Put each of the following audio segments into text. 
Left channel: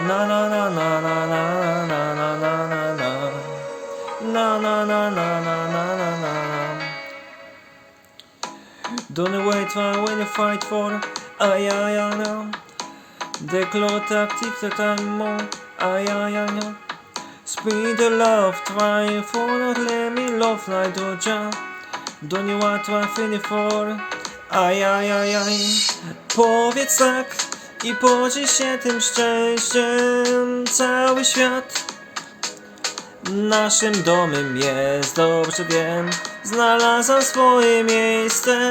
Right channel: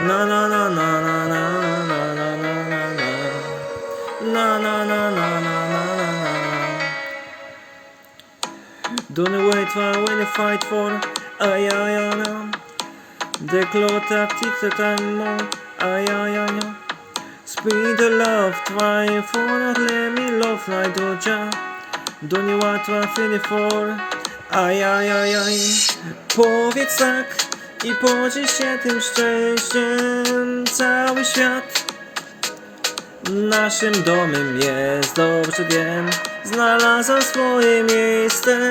Na na na na na na na na na na na Na na na na na na na Don't wait for when you fight for Ay ay ay ay clock tick the time more Ay ay ay ay Speed the love try for not let me love like doja Don't you want to feel for Aj, aj, aj, aj Powiedz tak i podziel się tym szczęściem. Cały świat Naszym domem jest, dobrze wiem Znalazłam swoje miejsce.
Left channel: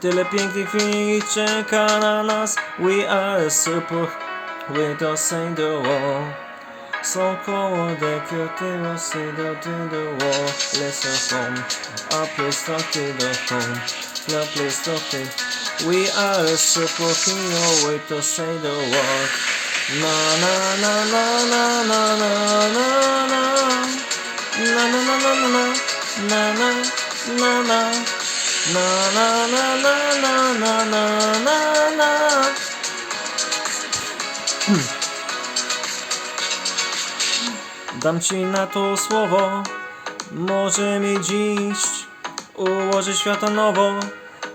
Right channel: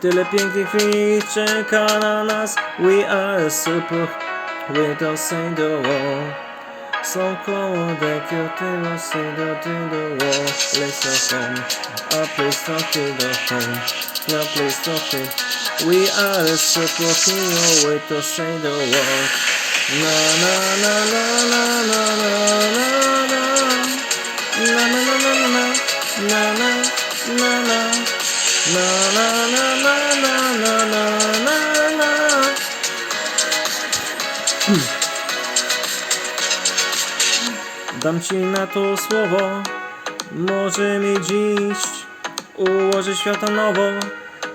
Tyle pięknych chwil czeka na nas. We are super. We don't say the war są koło dekiu, tyło si do do wo Let's go home, a please talk to the home. Now please talk to We are a superhero, wait to say the word Na na na na na na na na na Na na na na na na na na na na na na na na na na na Dam ci na to słowo, może mi dziś ułoży świata nowo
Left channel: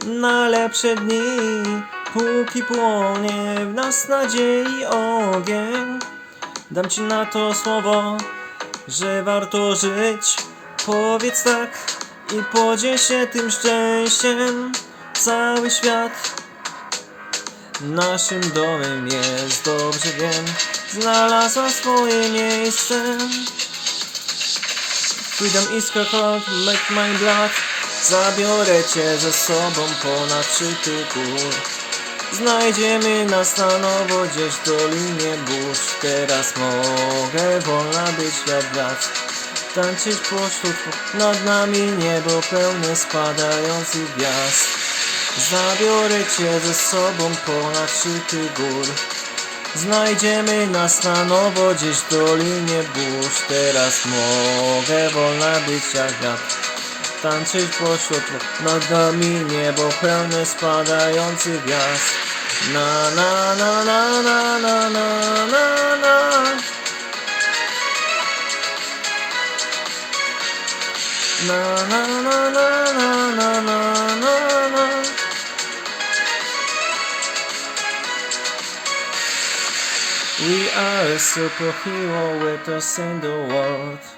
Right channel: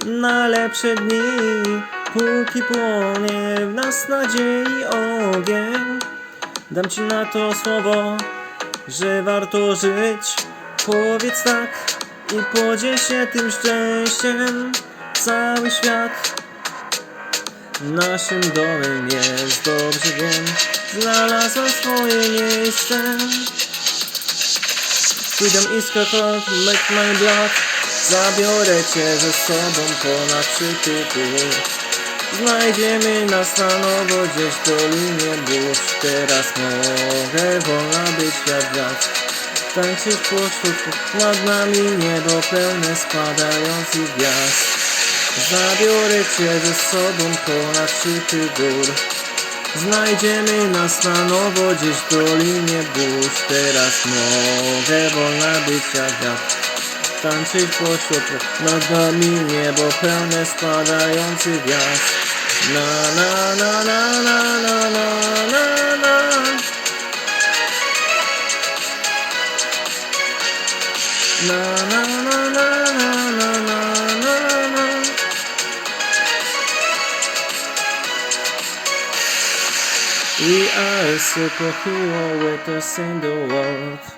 na lepsze dni, póki płonie w nas nadziei ogień. Dam ci na to słowo, że warto żyć, powiedz tak i podziel się tym szczęściem. Cały świat Naszym domem jest, dobrze wiem Znalazła swoje miejsce Freedom is her make my blood Zabiorę cię ze sobą ponad szczyty gór Znajdziemy nas na nowo gdzieś w dolinie burz. Teraz mogę wolna być jak wiatr. Tańczyć pośród nad nami niebo pełne spadających gwiazd. Zabiorę cię ze sobą ponad szczyty gór. Znajdziemy nas na nowo gdzieś w dolinie burz. Teraz mogę wolna być jak wiatr Tańczyć pośród nad nami niebo pełne spadających gwiazd Na na na na na na na na na Na na na na na na na na na We are a superhero with us in the world